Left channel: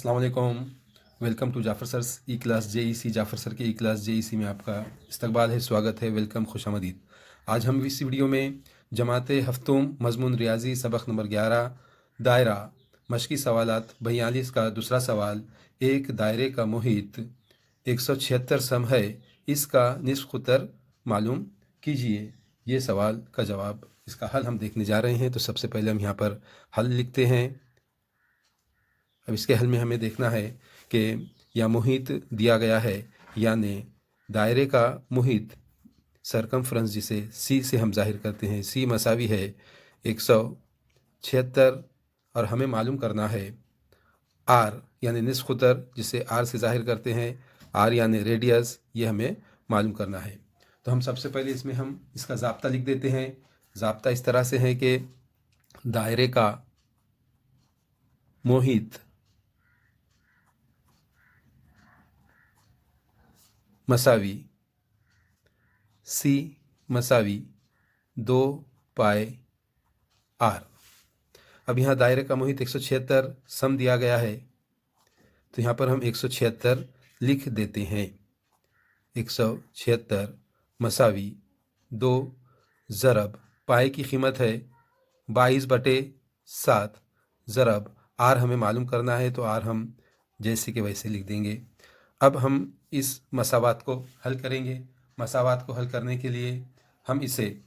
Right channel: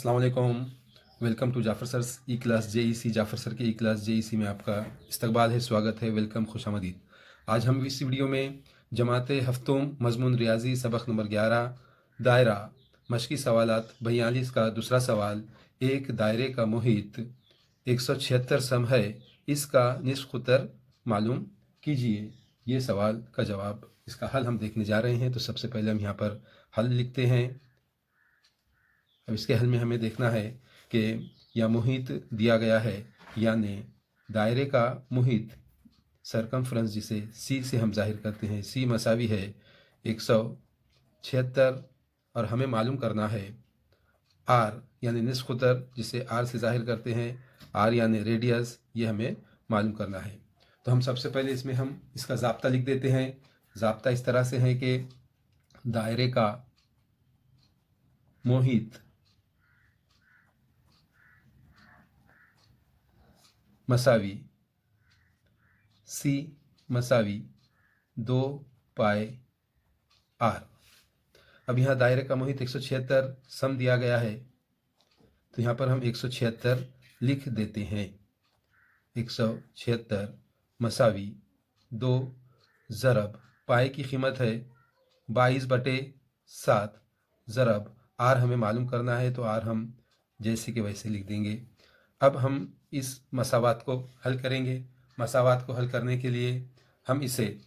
अस्सलाम वालेकुम। Welcome to Jafar sir e class JEC. Jafar sir के ई क्लास जेईसी में आपका इस्तकबाल है, स्वागत है, वेलकम, खुशामदीद। आज हम इस वीडियो में जमात हफ्तों मज़मून रियाजी सबक नंबर 11 दायरा मशक़ी सवालात 42 का दूसरा सवाल, एक दायरे का मुहित 176 सम है, इसका निस्फ़ क़ुतर मालूम कीजिए। ये सवाल का जवाब, इसका हल हम देखने जा रहे हैं। तो सबसे पहले हम यहाँ पर हल लिखते हैं। अब इसके हल में हमें देखना है कि यह मुहित दिया गया है, यानी दायरे का मुहित सरकमफ्रेंस जिसे सी से हम जाहिर करते हैं, सी मसावी है 176 और हमें मालूम करना है आर यानी निस्फ़ क़ुतर जिसे आर से जाहिर करते हैं, आर यानी रेडियस, ये हमें मालूम करना है। तो हम सबसे पहले इसमें हम इसका ज़ाब्ता लिख देते हैं। ज़ाब्ता इस तरह से है कि दायरे का मुहित मसावी सी मसावी 2 पाए आर। अब यहाँ दायरे का मुहित 176 सम दिया गया है, तो यहाँ पर हम 176 लिख देते हैं। 176 मसावी 2 ज़रब पाए की कीमत है 22/7 ज़रब आर हमें मालूम करना है, तो आर हम जैसे कि वैसे लिख देंगे। अब हम इस मसावात को हल करेंगे। मसावात को हल करने के लिए हम इसे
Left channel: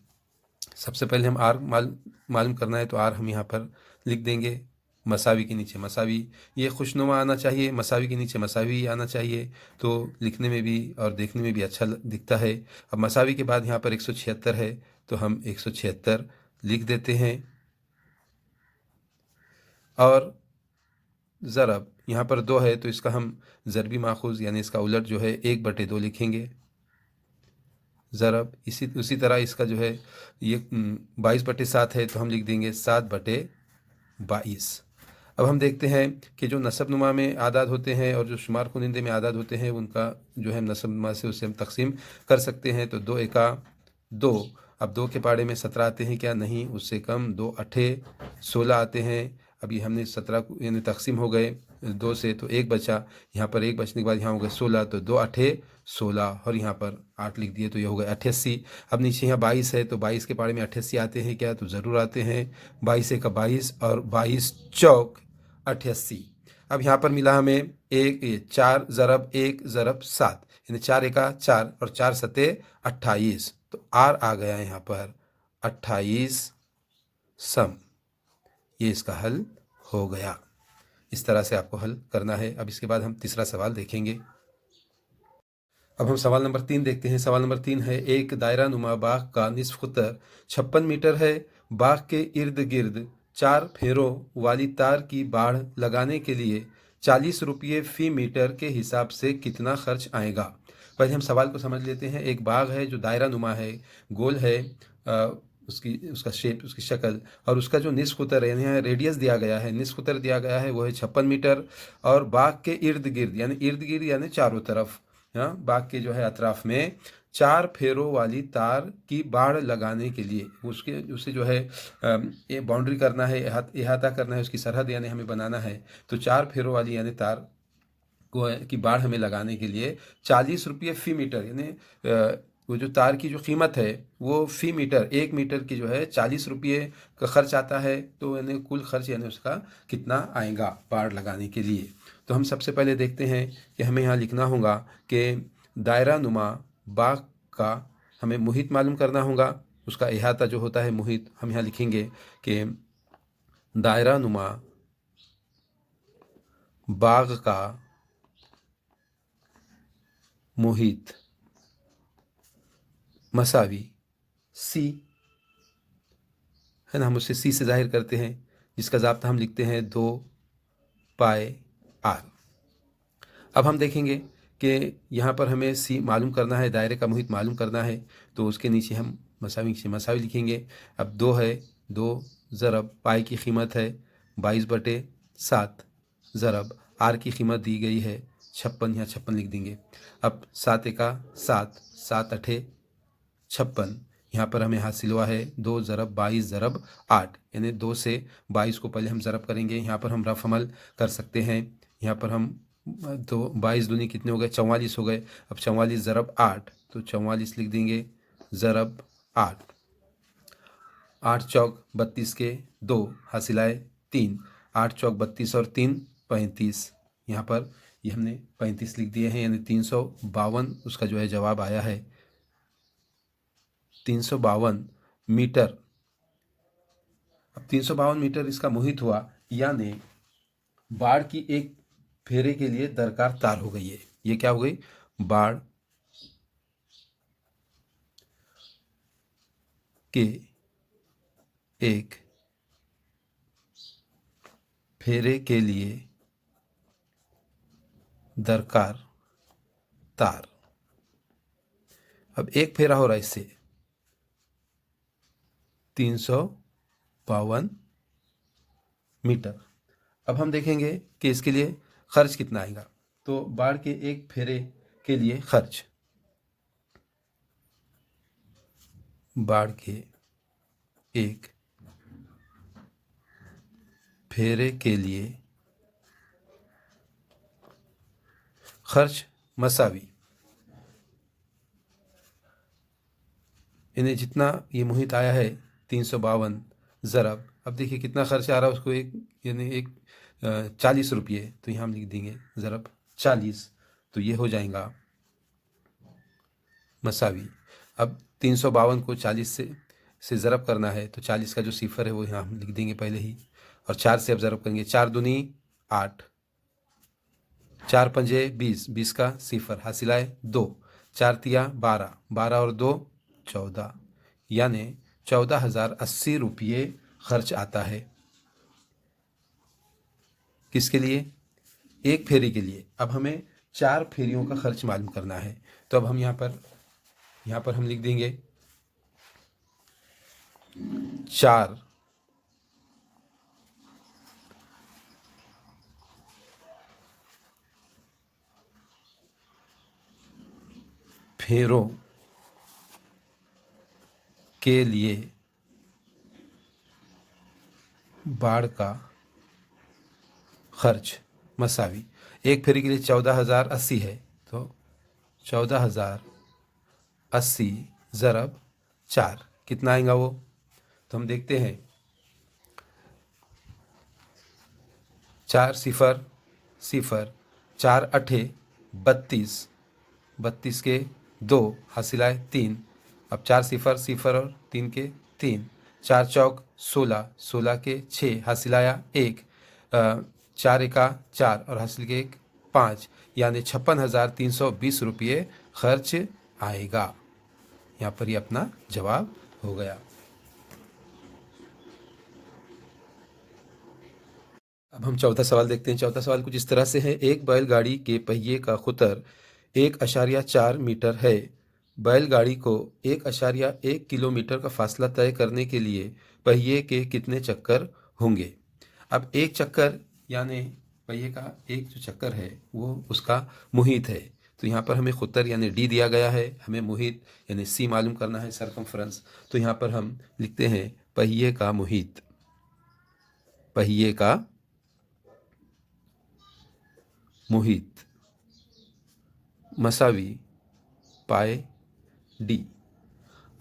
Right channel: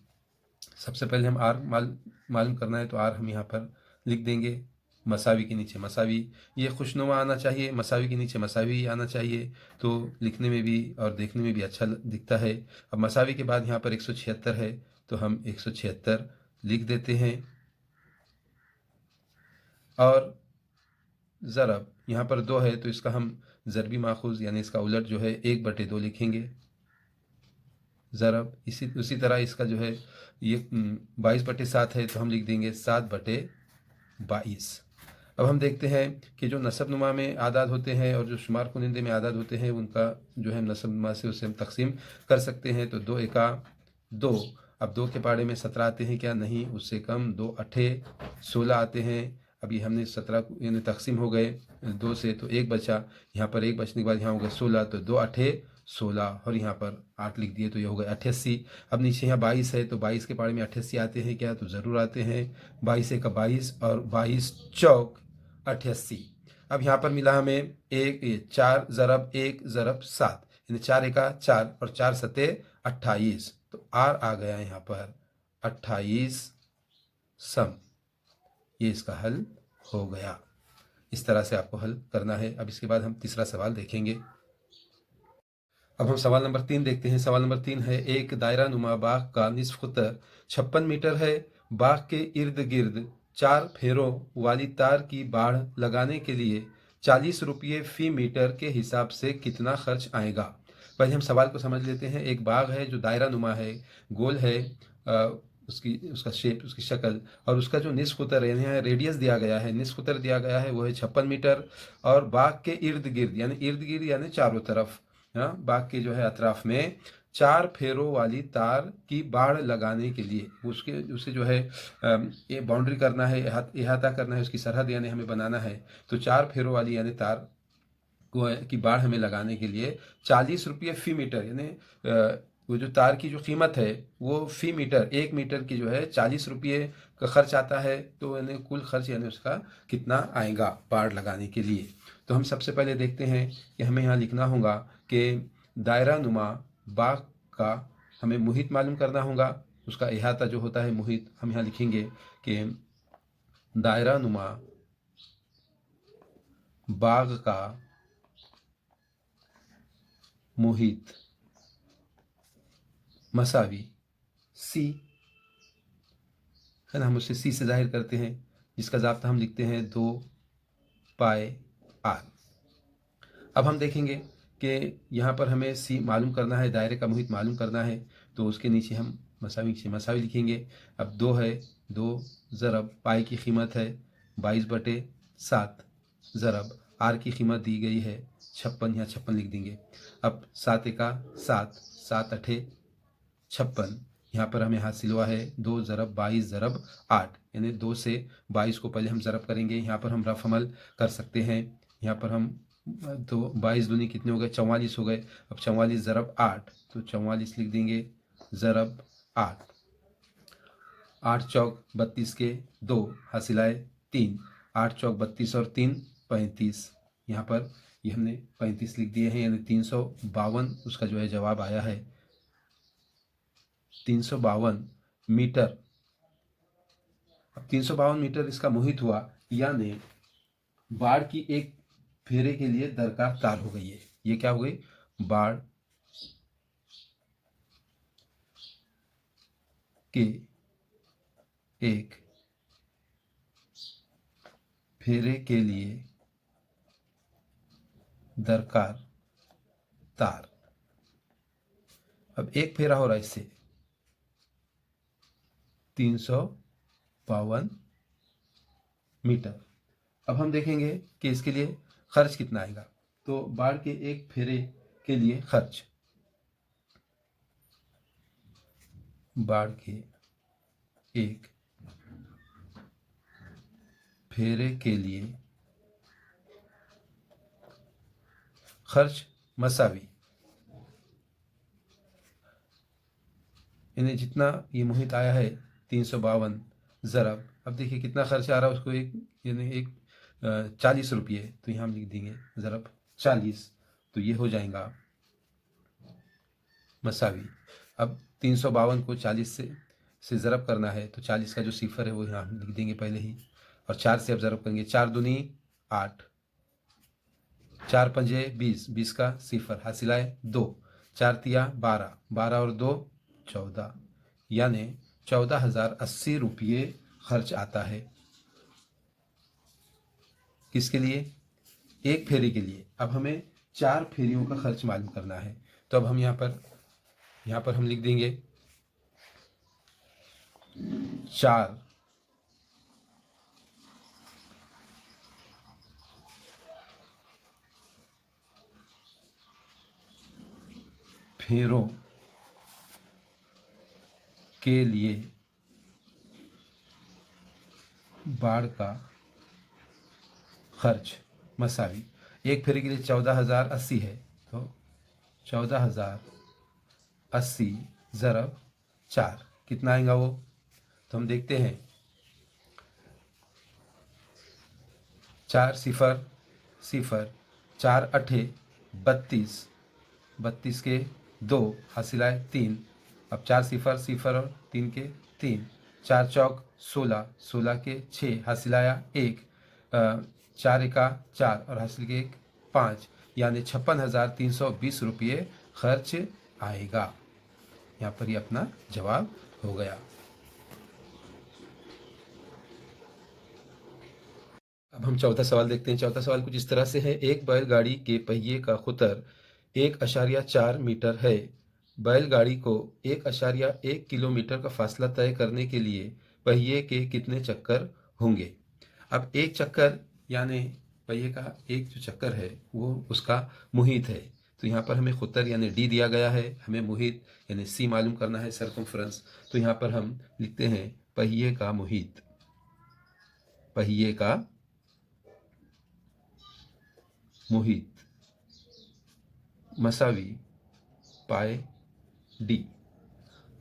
सबसे पहले हम आर मालूम करना है, तो आर हम यहाँ पर लिख देंगे मसावी के नीचे मसावी। ये खुशनुमा आना चाहिए, मसावी के नीचे मसावी आना चाहिए, तो लिखने में भी और देखने में भी अच्छा दिखता है। अब मसावी के बाद यहाँ पर 176 है, तो हम 176 लिख देते हैं। और ज़रब यहाँ पर 2 है, तो इसका हम ज़रबी माखूज़ यानी इसका उलट जो है 1/2 लिखेंगे ज़रब। उसी तरह इसका जो है ये 22/7 है, तो हम लिख देंगे 7/22। अब हम देखते हैं कि जो नसब नुमा में आदाद होते हैं और जो शुमार कुनिंदे में आदाद होते हैं, उनका जो है नसब नुमा से उसे हम तकसीम कर सकते हैं। तो 2 एका 2। अब 2 के पाड़े में 17 आते हैं क्या? नहीं, उससे कम। 2 अठे 16 आते हैं। अभी हमने 17 यानी तकसीम हो गए 2 से, तो 1 बचा। यहाँ पर 1 बचने के बाद यहाँ हो गए 16, तो 2 अठे 16 और यहाँ पर 8 लिख दिए, तो ये हो गए 88। अब नीचे यहाँ 22 है, तो 22 के पाड़े में 88 आते हैं क्या? तो ज़रूर आते हैं। 22 एका 22 और 22 चौक 88। अब यहाँ पर मिला हमें 4 ज़रब 1 ज़रब 7 यानी 4 एका 4 और 4 सते 28, तो आर आ गया यहाँ पर 28 सम। ये इसका हल हो गया। इस तरह से आपको हल करना है। अब इसके बाद हम तीसरा सवाल देखेंगे। अब हम सवाल नंबर 3 देखते हैं। सवाल नंबर 3 है, एक दायरा नुमा बाग का निस्फ़ क़ुतर 56 मीटर है। बाग के इर्द गिर्द 4 फेरों वाली तार की बाड़ लगाने के लिए 40 रुपये फ़ी मीटर के हिसाब से कितना खर्च आएगा? पहले हम सवाल को समझ लेते हैं। एक बाग है जो दायरा नुमा है, गोल है, उसका शेप, उसकी शक्ल, और उसका जो निस्फ़ क़ुतर है, रेडियस दिया गया है, निस्फ़ क़ुतर दिया गया है, वो है 56 मीटर। और बाग के इर्द गिर्द यानी चारों तरफ, बाग के जो है अतराफ में 4 फेरों वाली तार की बाड़ लगाने के लिए उसे जो है ये बाउंड्री करना है, इहाता करना है, उसकी सरहद यानी हमें बनाना है। तो 4 फेरों वाली यानी तार की बाड़ हमें लगाने के लिए 40 रुपये फ़ी मीटर, यानी वो जो तार की जो कीमत है वो फ़ी मीटर, 1 मीटर की जो है 40 रुपये का खर्च आता है। तो यानी कुल खर्च यानी उसका कितना आएगा बाड़ लगाने के लिए? तो हम सबसे पहले देखते हैं कि हमें यहाँ लिखना होगा कि दायरा नुमा बाग का हमें मुहित मालूम करना होगा। उसका इहाता जो होता है मुहित, हम यहाँ लिखेंगे कि दायरा नुमा बाग का मुहित मसावी सी है ना, हम उसे सी से जाहिर करते हैं, जिसका ज़ाब्ता हम लिखते हैं 2 पाए आर। अब हम देखेंगे कि यहाँ पर हमें सी मालूम करना है, दायरे का मुहित मालूम करना है, तो उसके नीचे हम मसावी लिखेंगे। अब 2 है, 2 ज़रब पाए की कीमत है 22/7 ज़रब आर की कीमत दी गई है 56, यहाँ 56 लिख देंगे। अब 7 एका 7, 7 अठे 56, यहाँ पर हमें हासिल हुआ है 2 ज़रब 22 ज़रब 8, यानी 2 से 22 को पहले हम ज़रब करेंगे। यहाँ पर हम रफ अमल कर सकते हैं। यहाँ पर हम तो 22 दूनी कितने हो गए, 44 हो गए। अब 44 ज़रब 8, तो 44 लिख देंगे ज़रब 8। 8 चौक 32 के 2 हासिलाए 3, 8 चौक 32 और 3 35। यहाँ पर ये हमने 35 लिख दिए हैं, यानी 352 उसका जो है जवाब आया है। 352 मीटर। अब 352 मीटर इसका मुहित हुआ, यानी बाढ़ की एक फेरे के लिए दरकार तार हो गई है। ये क्या हो गई, बाढ़ के एक फेरे के लिए दरकार तार। अब एक फेरा हो रहा है इससे 352 मीटर। अब हम देखेंगे कि इसके लिए खर्च कितना आएगा। तो बाढ़ के एक फेरे के लिए खर्च, बाढ़ के एक फेरे के लिए खर्च मसावी, इन्हें जितना ये मुहित आया है 352 ज़रब, अब देखिए कितना खर्च आ रहा है उसको, एक यानी एक 40 रुपये, तो यहाँ हम लिख देंगे ज़रब 40, तो ये हो जाएगा मसावी। अब 352 को 40 से ज़रब करना है, तो 40 का जो सिफर है वो यहाँ हम लिख देंगे पहले ही, और 4 से अब ज़रब करेंगे। 4 दूनी 8, 4 पंजे 20, 20 का सिफर हासिलाए 2, 4 तिया 12, 12 और 2 14, यानी 14,080 रुपये खर्च आता है। किसके लिए, एक फेरी के लिए। अब हमें 4 फेरियों का खर्च मालूम करना है, तो अब हम यहाँ पर हम लिख देंगे 4 फेरों के लिए बाढ़ का खर्च मसावी। एक फेरी के लिए 14,080 है, तो 14,080 ज़रब 4 कितना आएगा वो, तो हम देखते हैं। 4 सिफर सिफर, 4 अठे 32, 32 के 2 हासिलाए 3, अब 4 सिफर सिफर और 3 के 3, 4 चौक 16, 16 के 6 हासिलाया 1, 4 एका 4 और हासिल के 1 5, यानी 56,320 रुपये खर्च आएगा। यहाँ पर ये अपना जवाब हो गया। अब हम चौथा सवाल देखते हैं। चौथा सवाल कुछ इस तरह से है, एक बैलगाड़ी के पहिए का खुतर 1.4 मीटर है। बैलगाड़ी को 1.1 किलोमीटर का फासला तय करने के लिए पहिए के कितने चक्कर होंगे। अब एक चक्कर यानी पहिए का एक जो चक्कर है वो उसका मुहित है, तो यहाँ पर हमें खुतर यानी डी दिया गया है, हमें मुहित यानी सी मालूम करना है, सरकमफ्रेंस। तो यहाँ पर हम लिखते हैं पहिए का मुहित, पहिए का मुहित मसावी पाए डी।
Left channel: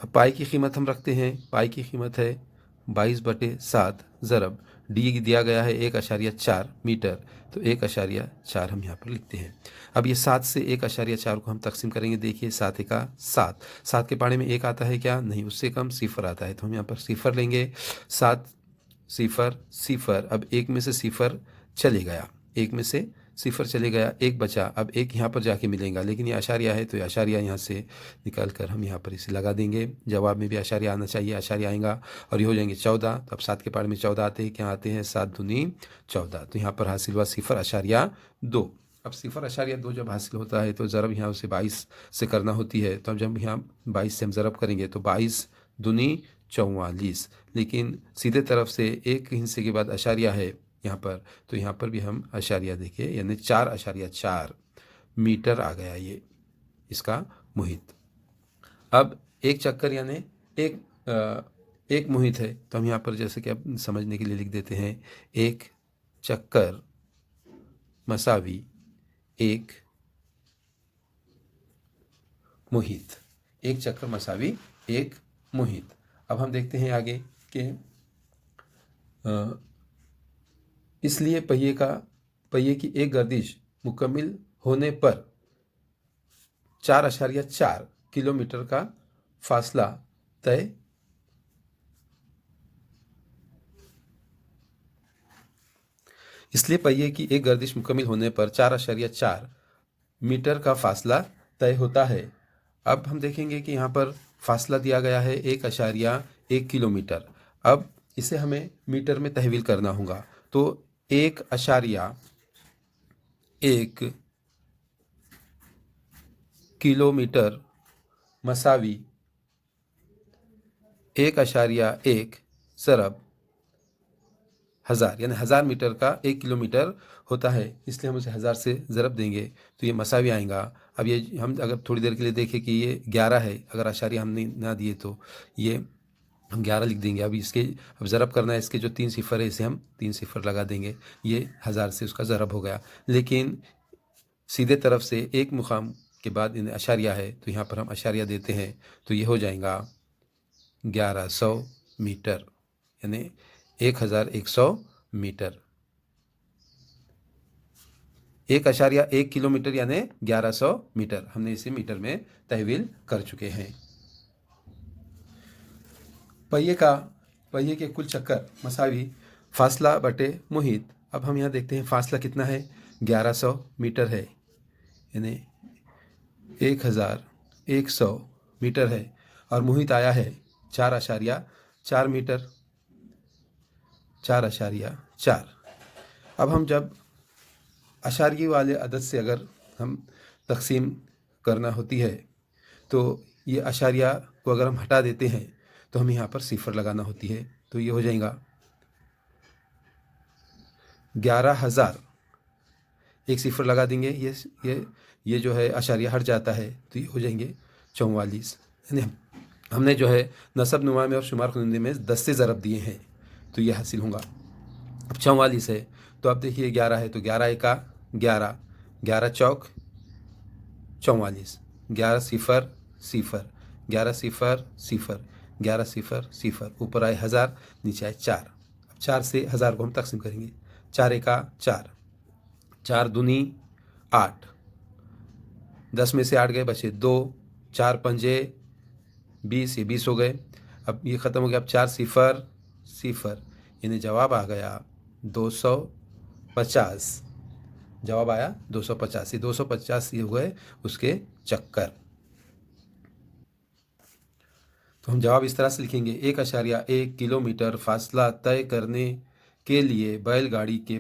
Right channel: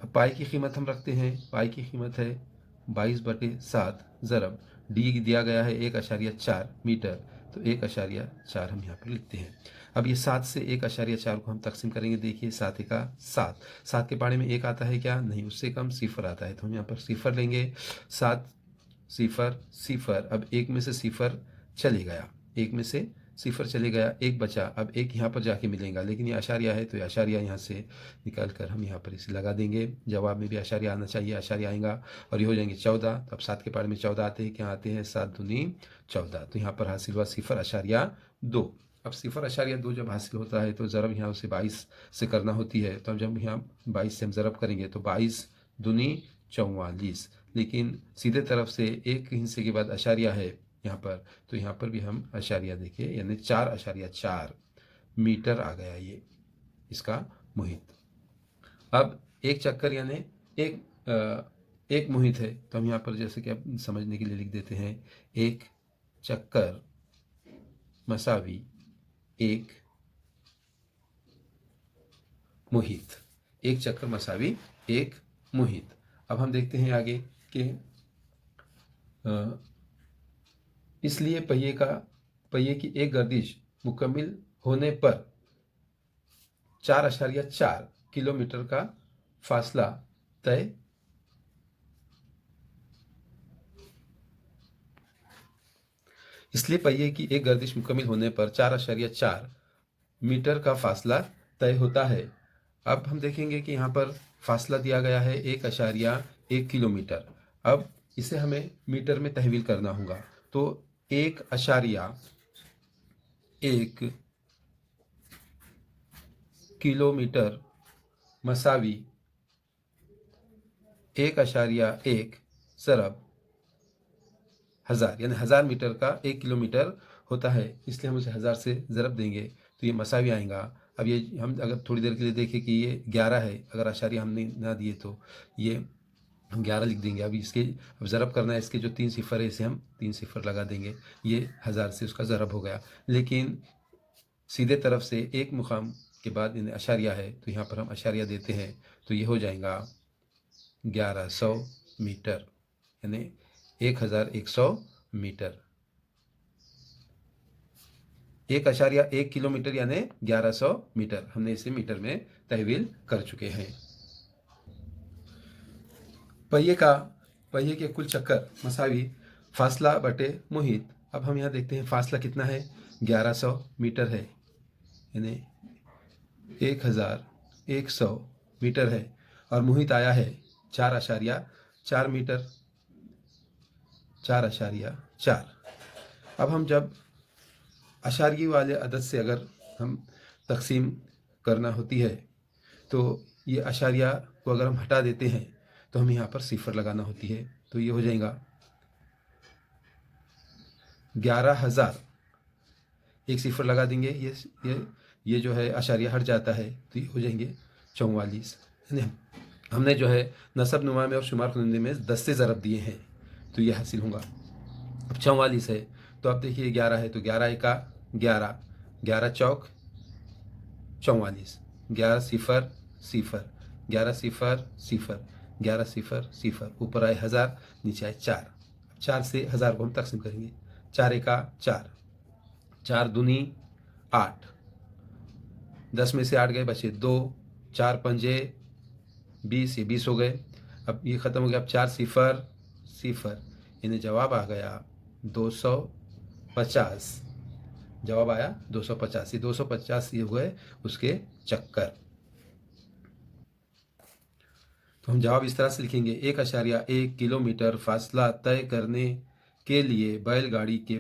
अब पाई की कीमत हम रखते हैं, पाई की कीमत है 22/7 ज़रब डी दिया गया है 1.4 मीटर, तो 1.4 हम यहाँ पर लिखते हैं। अब ये 7 से 1.4 को हम तकसीम करेंगे। देखिए 7 एका 7, 7 के पाड़े में एक आता है क्या, नहीं, उससे कम सिफर आता है, तो हम यहाँ पर सिफर लेंगे। 7 सिफर सिफर, अब एक में से सिफर चले गया, एक में से सिफर चले गया, एक बचा, अब एक यहाँ पर जाके मिलेगा, लेकिन ये आशारिया है तो ये आशारिया यहाँ से निकाल कर हम यहाँ पर इसे लगा देंगे। जवाब में भी आशारिया आना चाहिए, आशारिया आएगा और ये हो जाएंगे 14। तो अब 7 के पार में 14 आते हैं, क्या आते हैं, 7 दूनी 14, तो यहाँ पर हासिल हुआ 0.2। अब 0.2 जब हासिल होता है तो ज़रब यहाँ से 22 से करना होती है, तो अब जब यहाँ 22 से हम ज़रब करेंगे तो 22 दूनी 44, लेकिन सीधे तरफ से एक हिस्से के बाद आशारिया है यहाँ पर, तो यहाँ पर भी हम आशारिया देखिए, यानी 4.4 मीटर आ गया ये इसका मुहित। अब एक चक्कर यानी एक मुहित है, तो हम यहाँ पर जैसे कि अब समझने के लिए लिख देते हैं, एक चक्कर मसावी एक मुहित। एक चक्कर मसावी एक मुहित। अब हम देखते हैं आगे कि इसलिए पहिए की एक गर्दिश मुकम्मल होने पर 4.4 किलोमीटर का फासला तय इसलिए पहिए की एक गर्दिश मुकम्मल होने पर 4.4 मीटर का फासला तय होता है। अब हम देखेंगे कि यहाँ पर फासला दिया गया है 1.1 किलोमीटर। अब इसे हमें मीटर में तहवील करना होगा। तो 1.1 किलोमीटर मसावी 1.1 ज़रब 1000, यानी 1000 मीटर का 1 किलोमीटर होता है, इसलिए हम उसे 1000 से ज़रब देंगे तो ये मसावी आएगा। अब ये हम अगर थोड़ी देर के लिए देखें कि ये 11 है, अगर आशारिया हमने ना दिए तो ये हम 11 लिख देंगे। अब ज़रब करना है, इसके जो 3 सिफर है इसे हम 3 सिफर लगा देंगे, ये 1000 से उसका ज़रब हो गया। लेकिन सीधे तरफ से एक मुकाम के बाद इन्हें अशारिया है तो यहाँ पर हम अशारिया देते हैं तो ये हो जाएगा 1100 मीटर, यानी 1100 मीटर। 1.1 किलोमीटर यानी 1100 मीटर। हमने इसे मीटर में तहवील कर चुके हैं। पहिए के कुल चक्कर मसावी फासला बटे मुहित। अब हम यहाँ देखते हैं फासला कितना है, 1100 मीटर है, यानी 1100 मीटर है, और मुहित आया है 4.4 मीटर, 4.4। अब हम जब अशारिये वाले अदद से अगर हम तकसीम करना होती है तो ये अशारिया को अगर हम हटा देते हैं तो हमें यहाँ पर सिफर लगाना होती है, तो ये हो जाएगा 11,000, एक सिफर लगा देंगे, ये जो है अशारिया हट जाता है तो ये हो जाएंगे 44। यानी हमने जो है नसब नुमा में और शुमार खुनिंदे में 10 से ज़रब दिए हैं तो ये हासिल होगा। अब 44 है तो अब देखिए 11 है तो 11 एका 11, 11 चौक 44, 11 सिफर सिफर, 11 सिफर सिफर, 11 सिफर सिफर, ऊपर आए 1000, नीचे आए 4। अब 4 से 1000 को हम तकसीम करेंगे, 4 एका 4, 4 दूनी 8, 10 में से 8 गए बचे 2, 4 पंजे 20, ये 20 हो गए। अब ये ख़त्म हो गया। अब 4 सिफर सिफर, यानी जवाब आ गया 250। जवाब आया 250। ये 250 ये हुए उसके चक्कर। तो हम जवाब इस तरह से लिखेंगे, 1.1 किलोमीटर फासला तय करने के लिए बैलगाड़ी के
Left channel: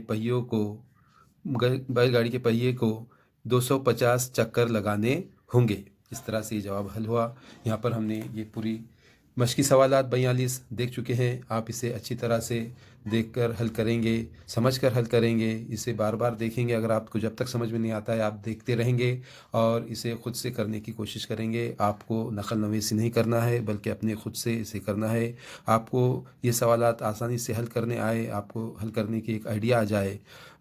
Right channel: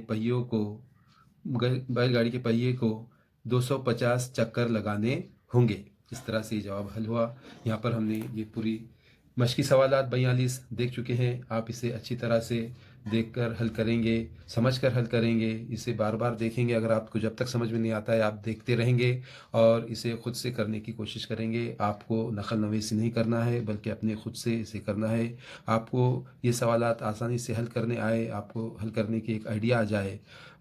पहिए को 250 चक्कर लगाने होंगे। इस तरह से ये जवाब हल हुआ। यहाँ पर हमने ये पूरी मशकी सवालात 42 देख चुके हैं। आप इसे अच्छी तरह से देखकर हल करेंगे, समझकर हल करेंगे, इसे बार बार देखेंगे। अगर आपको जब तक समझ में नहीं आता है आप देखते रहेंगे और इसे ख़ुद से करने की कोशिश करेंगे। आपको नकल नवीसी नहीं करना है बल्कि अपने ख़ुद से इसे करना है। आपको ये सवालात आसानी से हल करने आए, आपको हल करने की एक आइडिया आ जाए,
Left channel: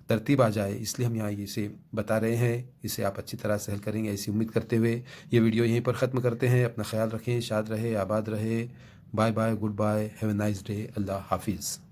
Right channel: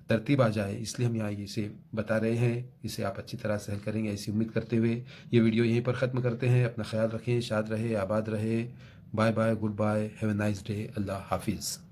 तरतीब आ जाए, इसलिए हम यहाँ इसे बता रहे हैं। इसे आप अच्छी तरह से हल करेंगे ऐसी उम्मीद करते हुए ये वीडियो यहीं पर ख़त्म करते हैं। अपना ख्याल रखें, शाद रहे, आबाद रहे। Bye bye, good bye, have a nice day. Allah हाफिज़।